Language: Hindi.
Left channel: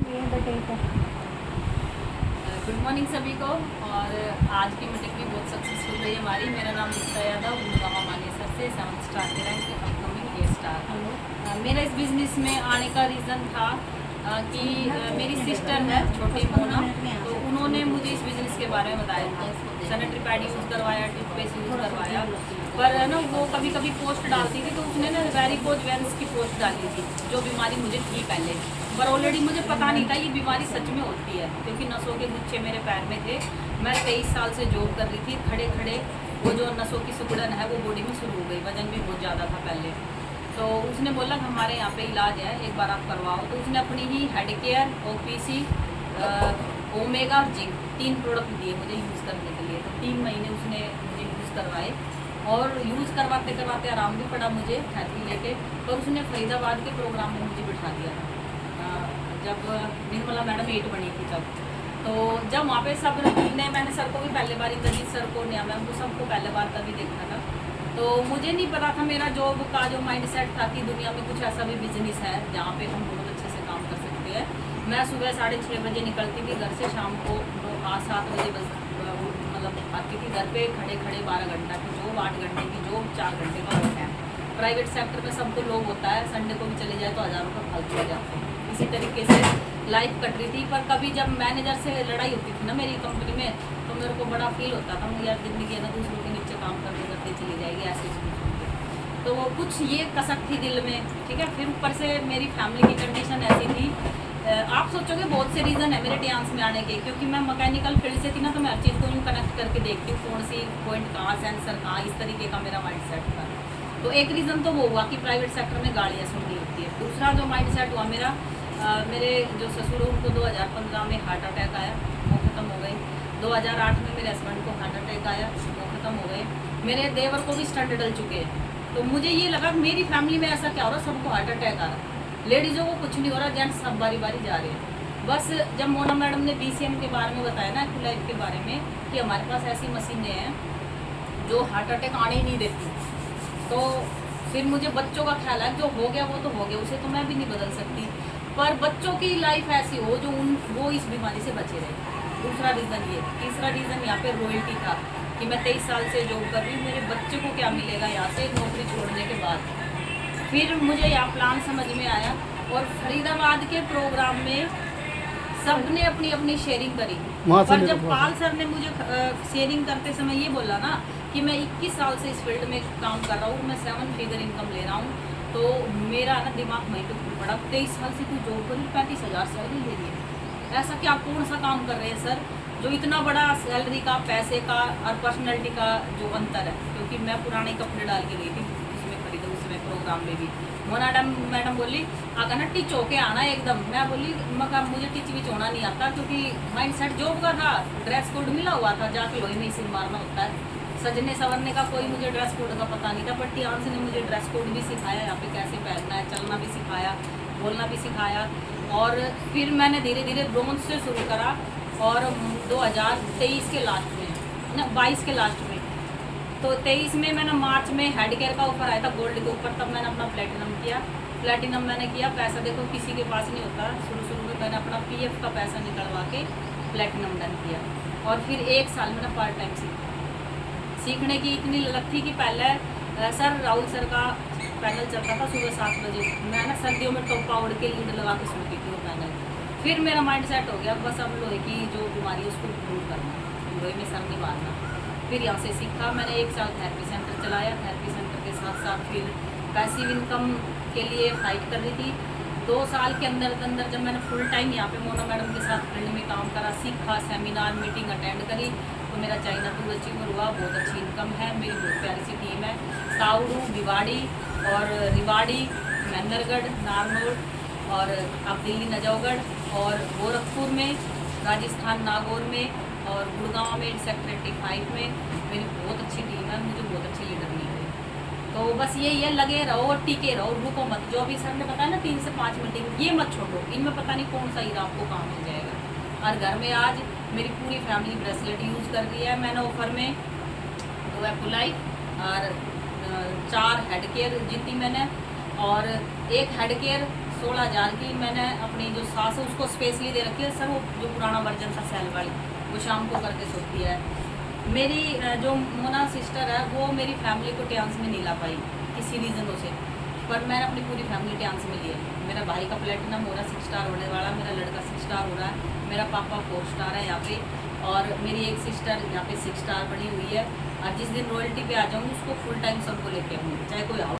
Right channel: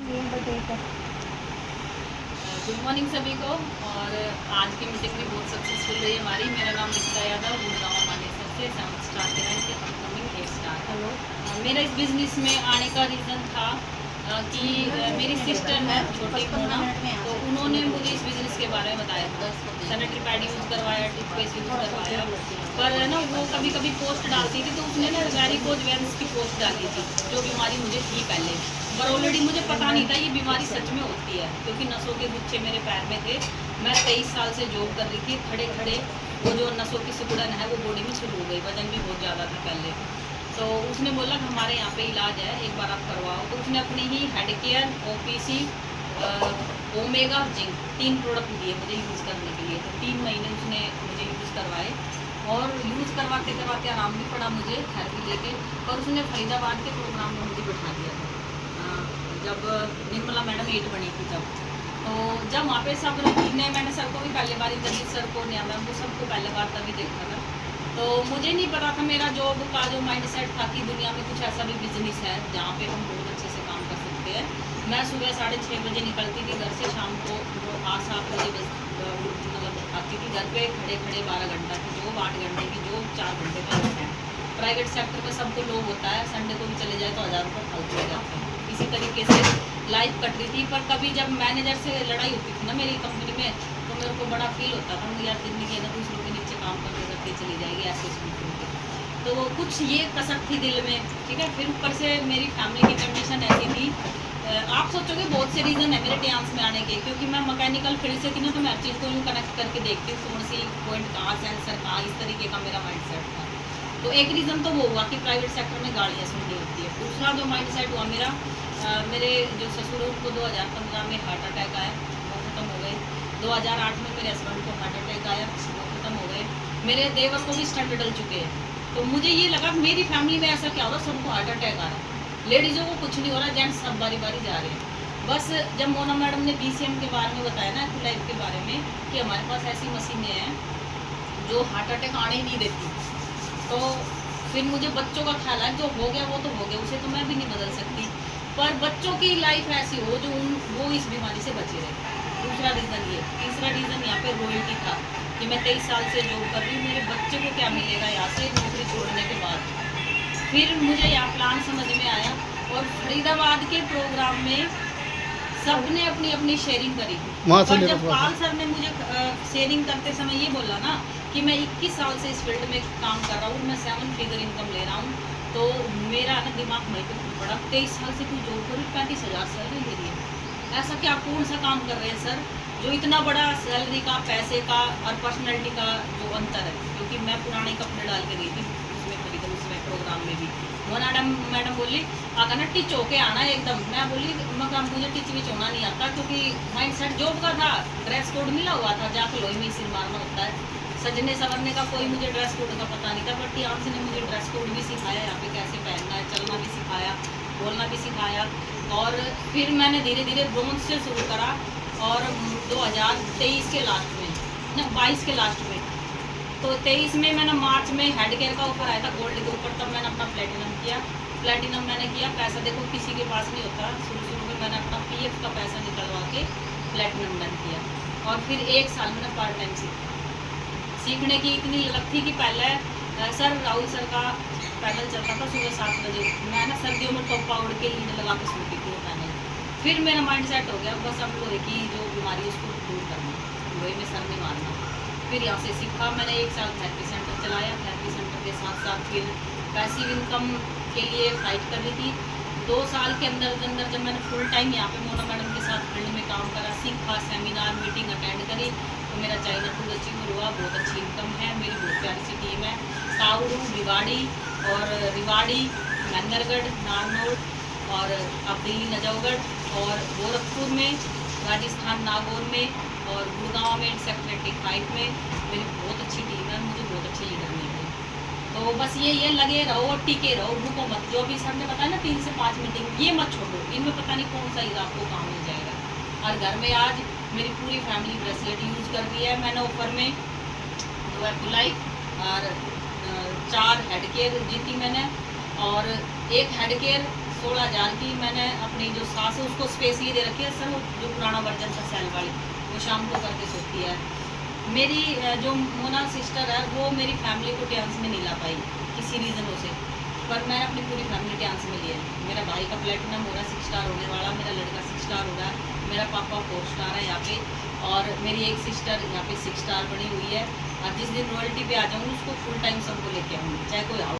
गुड मॉर्निंग सभी को। और आज की मीटिंग भी बहुत सक्सेसफुल रही हमारी। मेरा नाम दीक्षा यादव, गुड़गांव मानेसर से 7 स्टार के रैंक अपकमिंग 8 स्टार। हेलो। मेरा इस बिज़नेस में आने का रीज़न था कि मेरी सिस्टर है छोटी मोना, तो उन्होंने मुझे इस बिज़नेस के बारे में बताया था। सैनिटरी पैड यूज़ करवाया, टूथपेस्ट यूज़ करवाया, पर है ना वो कभी कभी पोस्ट डालती थी तो उसने ना वेरिकोज वेन्स की पोस्ट डाली थी, जो बीमारी मुझे थी पहले, पर ऑलरेडी मुझे पता नहीं था ये बीमारी सच में होती है, क्योंकि नसों के गुच्छे मेरे पैर में थे। मैं 23 साल से जॉब कर रही थी, खड़े खड़े वो जो नसों की सिकुड़न है वो बॉडी में शुरू हो गई। वजन भी बहुत ज़्यादा था पहले। तो उसने बोला कि हमारे यहाँ पे इलाज है, एक बार आप करवाओ। तो उसने अपनी ही head care, OPC, omega, zinc 3 product दिए मुझे यूज़ करने के लिए। तो 3 महीने उसने मुझे यूज़ करवाए और यूज़ करवाते करवाते आराम भी पड़ा मुझे थेरेपी लेके। और उसने फरीदाबाद के प्रोग्राम में मुझे बिठा दिया था जब निर्मला मैडम 8 बनी थी तब। तो जब वहाँ पे सब ने, मैंने सर को भी पहले बार, तभी सर को, नया मैम को, सबको पहले बार तभी देखा था। तो मुझे नहीं पता था, मेरा जॉब का जो माइंडसेट था कि दुनिया में कुछ ऐसा भी बिजनेस है जहाँ पे हम बहुत अच्छे से काम कर सकते हैं। मैं सुबह 6:30 बजे निकलती थी घर से, शाम को 7 बजे मतलब आती थी घर पे। खड़े खड़े 12 घंटा की जॉब, 8 घंटे की जॉब, 4 घंटे का होता है। प्राइवेट सेक्टर में सबको लोग होता है, संडे को भी चले जाए तो 1000 रुपये फालतू हो जाते हैं। इसी तरीके से लाइफ कट रही थी। पर कभी जब मैनेजर से लड़ाई होती थी ना मेरी कंपनी में, तो मेरे को बड़ा फील होता था मुझे, यार जिंदगी है ना दूसरों के नीचे काम करते करते चली जाएगी ऐसे सोच के। तो कुछ ये कसक थी दिल में, ठीक है। फिर ऊपर से मेरी फैमिली की कंडीशन ऐसी थी, आप सोचोगे बहुत से रीज़न है मेरे डांस में आने के, क्योंकि मैं मैकेनिकल फील्ड से थी ना, तो मैं हर चीज़ को यूँ कनेक्ट करके देखती हूँ, कौन सी पॉइंट कहाँ, सेंसर कहाँ, इस तरीके का मेरा माइंड सेट था। तो एक रीज़न तो वो हुआ कि प्राइवेट सेक्टर में गाड़ियाँ सुननी होती है। दूसरा जो माइंड सेट हुआ मेरा, मेरे जो ससुर उनको 2015 में हार्ट अटैक आया, वो ख़त्म हो गए। 2008 में मेरे हस्बैंड को हार्ट अटैक आया, वो ख़त्म हो गए। मेरे देवर को भी स्टंट डल चुके हैं। तो मुझे ये लगा मेरी फैमिली में ऐसा क्या हो रहा, सबको हार्ट अटैक आ रहा है, लेडीज़ों को कुछ नहीं हो रहा, जेंट्स सब बारी बारी जा रहे हैं। बस जब मोना मैडम ने BCM के बारे में बताया ना, एक्टिव लाइफ के बारे में, कि हमारे पास ऐसी मशीनें हैं जो हार्ट अटैक आने ही नहीं देती, तो फिर मुझे बच्चों का ख्याल है, जो हो गया वो तो हो गया, उसे तो मैं भी नहीं बदल सकती, पर बच्चों की लाइफ ऐसी हो जो वो इस बीमारी से बचे रहे। दूसरा रीज़न ये। तीसरा रीज़न यहाँ पे रॉयल्टी था कि मैं 23 साल से जॉब कर रही हूँ, मेरे बच्चे को क्या मिलेगा यहाँ से नौकरी छोड़ने के बाद। फिर मुझे यहाँ प्लान समझ में आया, और फरीदाबाद के प्रोग्राम में सबने अपनी अपनी शेयरिंग करी। पर जब पाल सर ने मुझे शेयरिंग करते समय ये बोला ना कि मैं 21 साल से इस फील्ड में काम कर रहा हूँ और मैं 7 फिगर इनकम ले रहा हूँ, तो मेरा ना दिमाग वहीं पे घूम पड़ा। 23 साल से कोई जॉब करी, 35,000 सैलरी ले रही है, ऐसा क्या कौन सा काम कर रहे हैं सर जो इतना बड़ा सैलरी का, पैसे का और पर्सनैलिटी का जो अंतर है। क्योंकि मैं पुराने कपड़े डाल के गई थी उसमें खरीद, उसमें प्रोग्राम में भी। मोना मैडम बोली आका ना टिच होके आना एकदम। मैं बोली मगर मुझे टिच विच होना नहीं आता, क्योंकि माइंड सेट जॉब का था, ड्रेस कोड मिला हुआ था, जाके लोही में सिर मारना होता है। सजने संवरने का कोई मुझे ड्रेस कोड का पता नहीं था, पर टियांस ने मुझे ड्रेस कोड भी सिखाया, यहाँ पे कैसे पहनना है, चलना भी सिखाया, बोलना भी सिखाया। और फिर मैंने धीरे धीरे ब्रोंज से शुरू करा, और 2023 के लास्ट में ना, 22 के लास्ट में, तो 23 में मैंने मार्च में हेड केयर का ऑफर आया था गोल्ड के ऊपर, तब मैंने अपना प्लेटिनम किया। प्लेटिनम मैंने किया, पैसा देखो किसी के पास नहीं होता, शुरू में मैंने अपना PF का पैसा निकलवा के प्लेटिनम डन किया। और फिर 1 साल मैंने पार्ट टाइम सीखने की इतनी ललक थी कि पहले सर राहुल सर का पैनल चलता था सुबह 7 बजे, मैं ना सर्दियों में टॉप पावर के लीड लगा के सुनती थी वो पैनल। फिर मेरा माइंड सेट हो गया, बस अब लोहे की जो बीमारी है उसको दूर करना, लोहे में सर में मारना। फिर यहाँ से सीखा मैंने, 1 साल थेरेपी सेंटर चलाया। थेरेपी सेंटर के साथ साथ फिर पैसिव इनकम के लिए फाइट कर रही थी। 2 साल के अंदर जब मैंने फुल टाइम यहाँ पे मोना मैडम के साथ फील्ड में काम करा, सीखा, सेमिनार मीटिंग अटेंड करी, तो मेरा चाइना टूर अचीवर हुआ। बहुत अच्छी इनकम है, मेरी बहुत प्यारी सी टीम है। साउरू, भिवाड़ी और रिवाड़ी, महेंद्रगढ़, नारनौल और अब दिल्ली नजौगढ़, और गोरखपुर में, राजस्थान नागौर में, और गुड़गांव में सेक्टर 85 में मेरी बहुत अच्छी टीम है। मुझे बहुत अच्छे लीडर मिल गए। तो बस यही है, लगे रहो और टिके रहो, रुको मत। जो भी सर ने बताया ना 3 से 5 मीटिंग, ये मत छोड़ो, इनमें पता नहीं कौन सा हीरा आपको काम मिल जाएगा। और घर में आज मेरी पूरी फैमिली ब्रेसलेट यूज़ कर रही है। मैंने ऑफर में 2 एप्टुलाइट और 4 हेड केयर जीती मैंने, और 1 हेड केयर 16,000 की मैंने अपनी जो सास है उसको स्पेशली दे रखी है। सर वो जो पुराना वर्जन था सेल वाली, वो शाम को करके सोती है। मेरी जो मोना सिस्टर है वो मेरी फैमिली को टियांस में नहीं ला पाई किसी रीज़नों से, पर मैंने अपनी पूरी फैमिली टियांस में ली है। मेरा भाई का प्लेटिनम हो रहा है 6 स्टार होने वाला, मेरा लड़का 6 स्टार हो रहा है, मेरा पापा 4 स्टार है यहाँ पे, और मेरी एक सिस्टर यहाँ पे 6 स्टार बनी हुई है। और जिस दिन रॉयल्टी पे आ जाऊँगी उसको फुल टाइम सबको लेके आऊँगी, चाहे कोई